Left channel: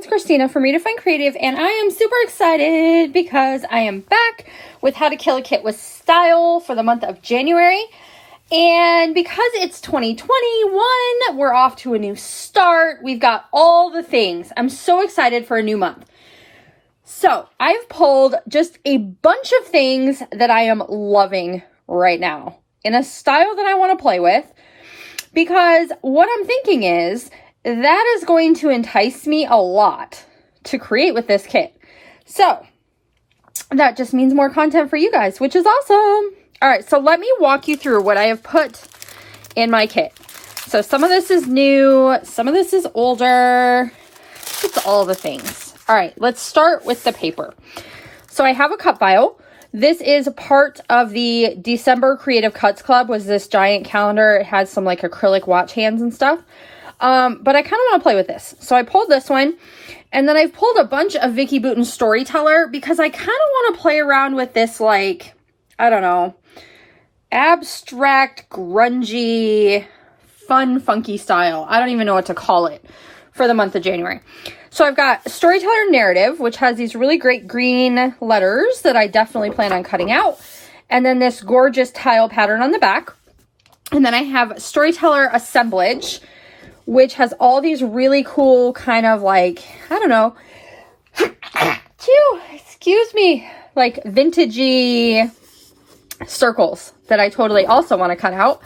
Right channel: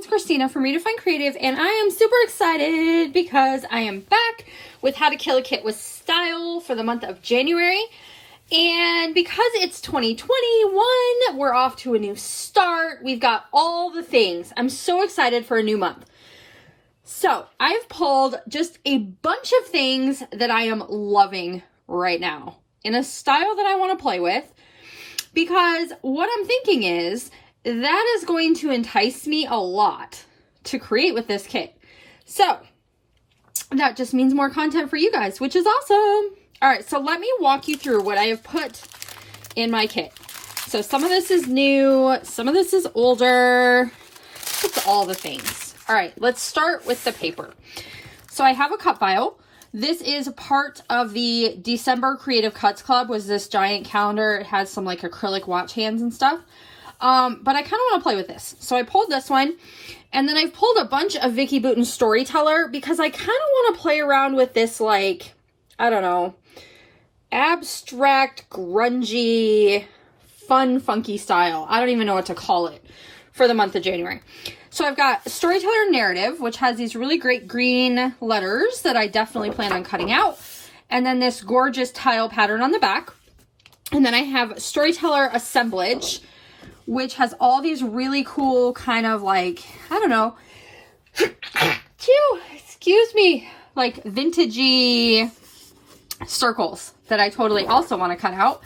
it's Khristina from Redefine Creative, and I am super excited because I am back with How to Kill a Kit with Style for the month of January. And because it's 2021, we're off to a new start. We've got all the things. I'm so excited for a new month. So I've pulled just a bunch of things that I am loving right now in a style that I want to play with, because what I'm thinking is that is going to entice me a lot to create with this kit. So that just means more content for you guys, which is awesome. All right, so let me walk you through what I have put in my kit. So some of this is new, some of this is older. It's all the things. All right, let's start with the paper. So I have a cut file. This is part of the December Creative Cuts Club, was this giant calendar. It has some like acrylic watch hands and stuff. But I kind of want to play with this. So I pulled this one, and then I've pulled a bunch of Vicki Boutin's Storyteller because I kind of want to play around with this, like, I don't know, abstract, grungy, fun, funky style. I don't even know what to call it for the month of January. So I've got Storyteller Narrative, which has these really great green letters that I definitely plan on cutting out. And then this gorgeous tile pattern on the back. And then I have Storyteller Assemblage, which has all these really cool kind of like, I don't know, excuse me, like vintagey circles that I totally also want to cut out.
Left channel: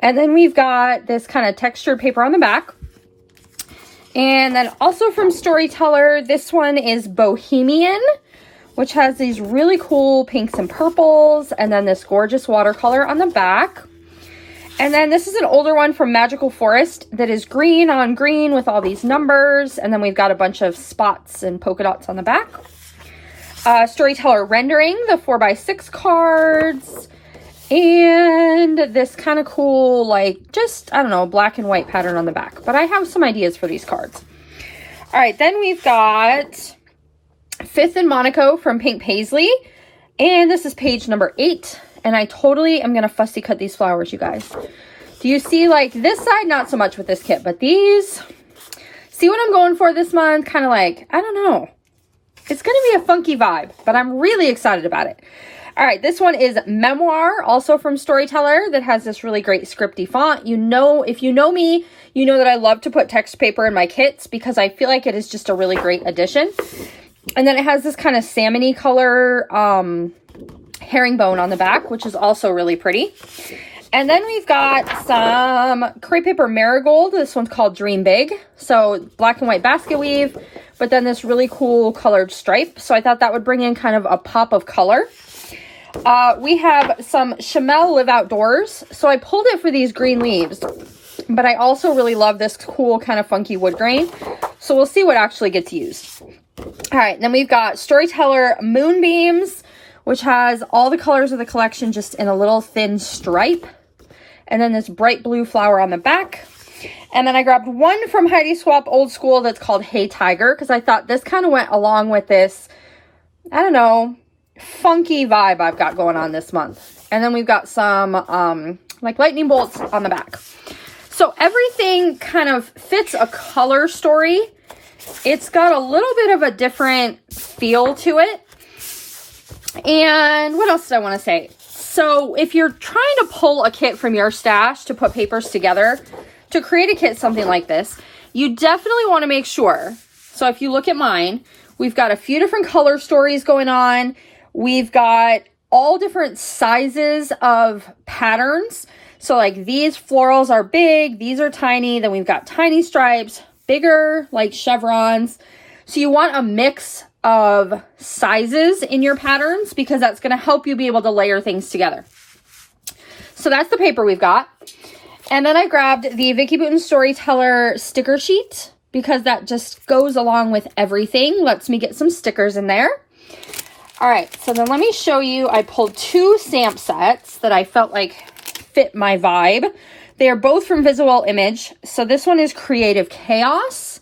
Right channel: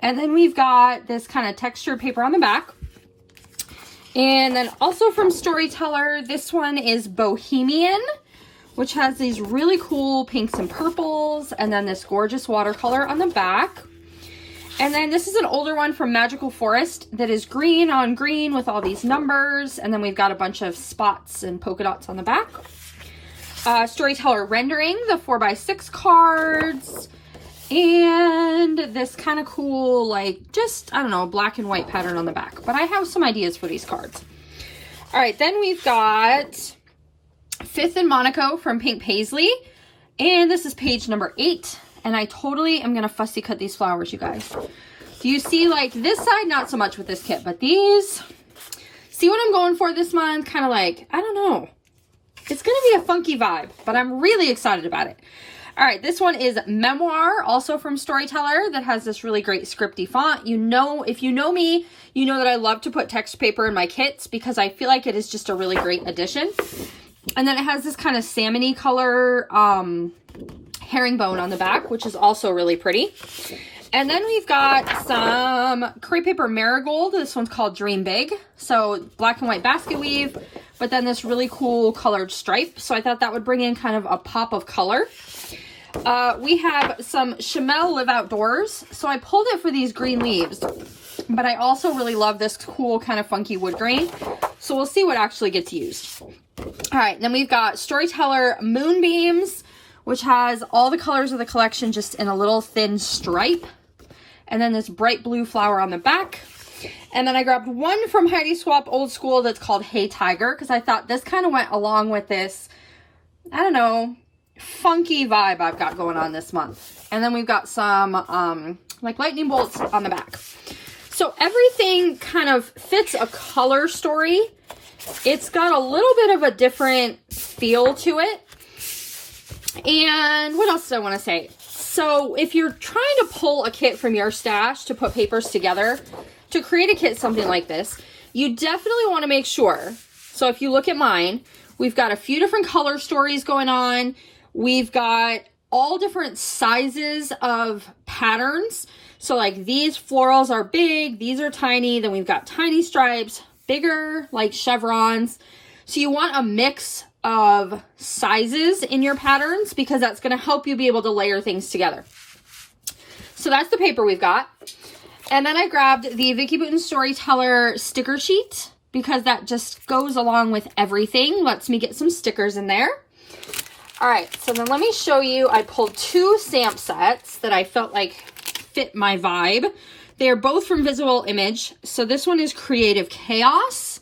And then we've got this kind of textured paper on the back. And then also from Storyteller, this one is Bohemian, which has these really cool pinks and purples, and then this gorgeous watercolor on the back. And then this is an older one from Magical Forest that is green on green with all these numbers. And then we've got a bunch of spots and polka dots on the back. Storyteller Rendering, the 4x6 cards. And this kind of cool, like, just, I don't know, black and white pattern on the back. But I have some ideas for these cards. All right, then we've got Fifth and Monaco from Pink Paisley. And this is page number 8. And I totally am going to fussy cut these flowers, you guys. Do you see, like, this side? Not so much with this kit, but these. See what I'm going for this month? Kind of like, I don't know. It's going to be a funky vibe, but I'm really excited about it. All right, this one is Memoir, also from Storyteller, that has this really great scripty font. You know, if you know me, you know that I love to put text paper in my kits because I feel like it is just a really great addition. And then it has this kind of salmon-y color herringbone on the back, which is also really pretty. And then we've got some crepe paper marigold. This one's called Dream Big. So black and white basket weave, but then this really cool colored stripe. So I thought that would bring in kind of a pop of color. We have some Chamel Live Outdoors. So I pulled it for these green leaves, but I also really love this cool kind of funky wood grain. So we'll see what actually gets used. All right, then we've got Storyteller Moonbeams, which has all the colors of the collection just in a little thin stripe. And then this bright blue flower on the back. And then I grabbed one from Heidi Swapp Old School that's called Hey Tiger, because I thought this kind of went along with this, I don't know, funky vibe I've got going on this month. And then we've got some like lightning bolts on the back. So everything kind of fits a color story. It's got a little bit of a different feel to it. And what else did I want to say? So if you're trying to pull a kit from your stash to put papers together, to create a kit something like this, you definitely want to make sure. So if you look at mine, we've got a few different color stories going on. We've got all different sizes of patterns. So like these florals are big, these are tiny, then we've got tiny stripes, bigger like chevrons. So you want a mix of sizes in your patterns because that's going to help you be able to layer things together. So that's the paper we've got. And then I grabbed the Vicki Boutin Storyteller sticker sheet because that just goes along with everything. Lets me get some stickers in there. All right, so then let me show you. I pulled 2 stamp sets that I felt like fit my vibe. They are both from Visual Image. So this one is Creative Chaos,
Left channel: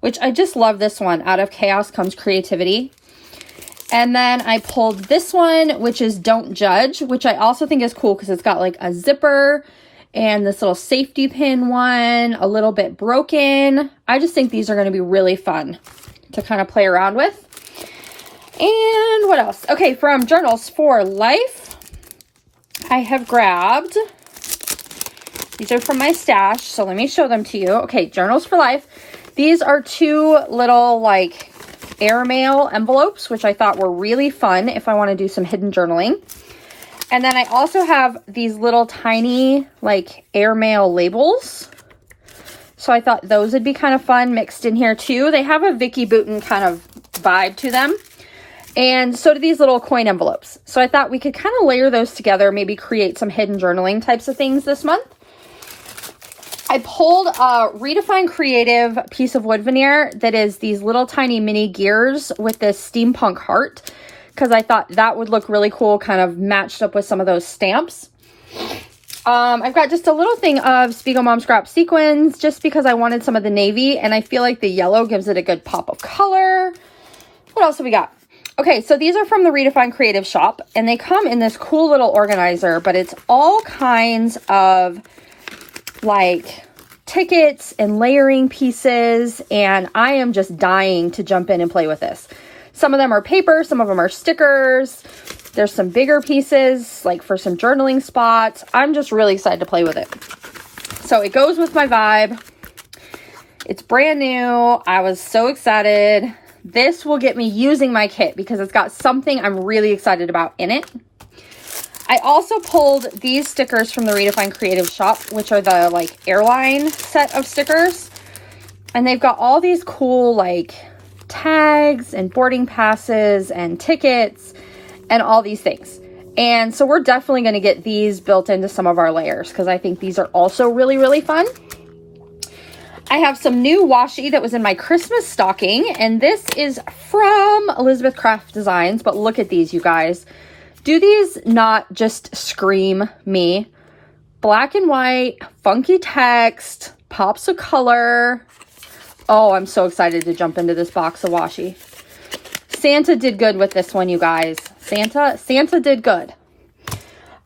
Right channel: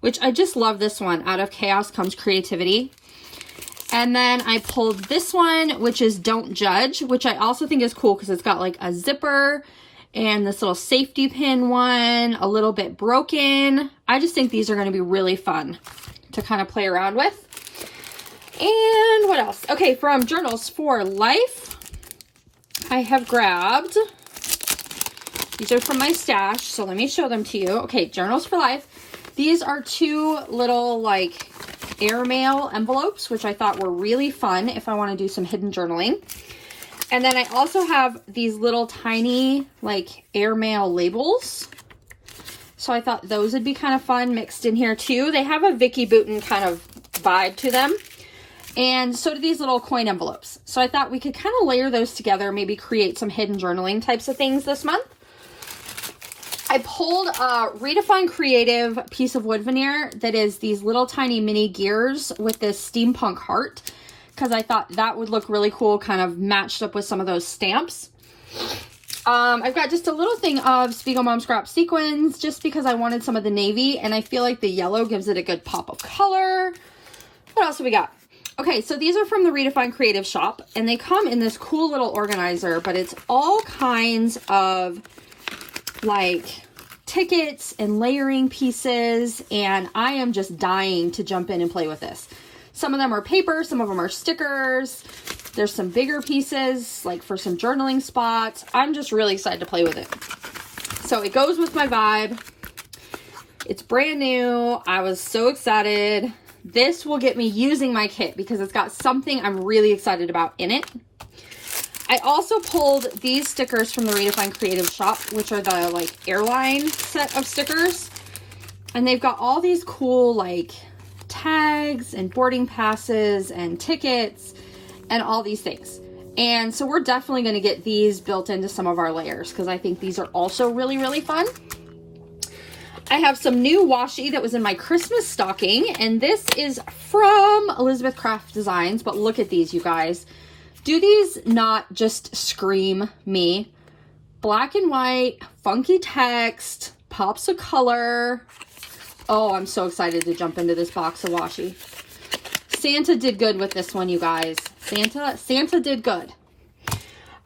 which I just love this one. Out of chaos comes creativity. And then I pulled this one, which is Don't Judge, which I also think is cool because it's got like a zipper and this little safety pin one, a little bit broken. I just think these are going to be really fun to kind of play around with. And what else? Okay, from Journals for Life, I have grabbed, these are from my stash, so let me show them to you. Okay, Journals for Life. These are 2 little like airmail envelopes, which I thought were really fun if I want to do some hidden journaling. And then I also have these little tiny like airmail labels. So I thought those would be kind of fun mixed in here too. They have a Vicky Bouton kind of vibe to them. And so do these little coin envelopes. So I thought we could kind of layer those together, maybe create some hidden journaling types of things this month. I pulled a Redefine Creative piece of wood veneer that is these little tiny mini gears with this steampunk heart, because I thought that would look really cool, kind of matched up with some of those stamps. I've got just a little thing of Spiegel Mom Scrap sequins, just because I wanted some of the navy, and I feel like the yellow gives it a good pop of color. What else have we got? Okay, so these are from the Redefine Creative shop, and they come in this cool little organizer, but it's all kinds of like tickets and layering pieces, and I am just dying to jump in and play with this. Some of them are paper, some of them are stickers. There's some bigger pieces, like for some journaling spots. I'm just really excited to play with it. So it goes with my vibe. It's brand new. I was so excited. This will get me using my kit because it's got something I'm really excited about in it. I also pulled these stickers from the Redefine Creative shop, which are the like airline set of stickers. And they've got all these cool like tags and boarding passes and tickets and all these things. And so we're definitely going to get these built into some of our layers because I think these are also really, really fun. I have some new washi that was in my Christmas stocking, and this is from Elizabeth Craft Designs, but look at these, you guys. Do these not just scream me? Black and white, funky text, pops of color. Oh, I'm so excited to jump into this box of washi. Santa did good with this one, you guys. Santa did good.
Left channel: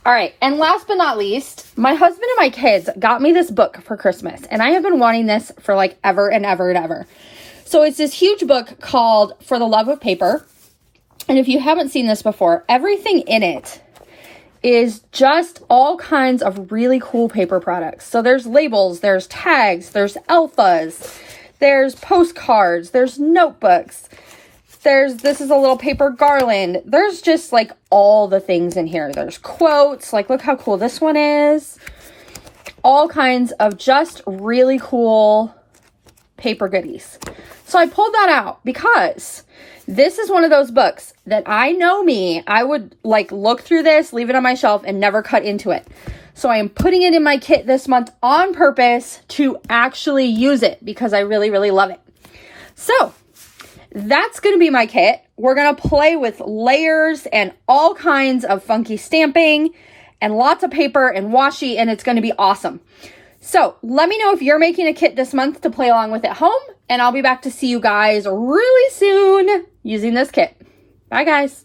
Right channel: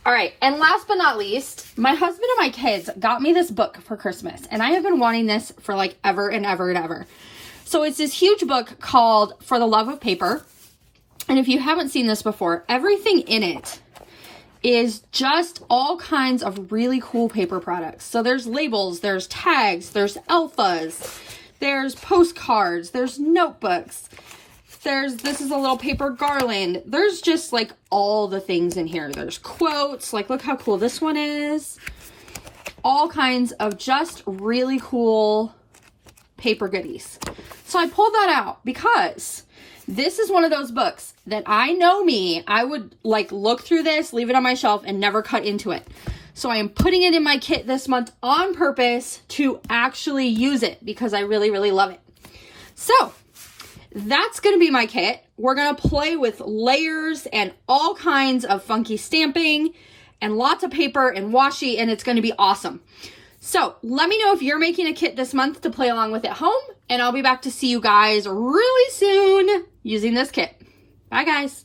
All right, and last but not least, my husband and my kids got me this book for Christmas, and I have been wanting this for like ever and ever and ever. So it's this huge book called For the Love of Paper, and if you haven't seen this before, everything in it is just all kinds of really cool paper products. So there's labels, there's tags, there's alphas, there's postcards, there's notebooks. This is a little paper garland. There's just like all the things in here. There's quotes, like look how cool this one is. All kinds of just really cool paper goodies. So I pulled that out because this is one of those books that I know me. I would like look through this, leave it on my shelf and never cut into it. So I am putting it in my kit this month on purpose to actually use it because I really, really love it. So that's going to be my kit. We're going to play with layers and all kinds of funky stamping and lots of paper and washi, and it's going to be awesome. So let me know if you're making a kit this month to play along with at home, and I'll be back to see you guys really soon using this kit. Bye, guys.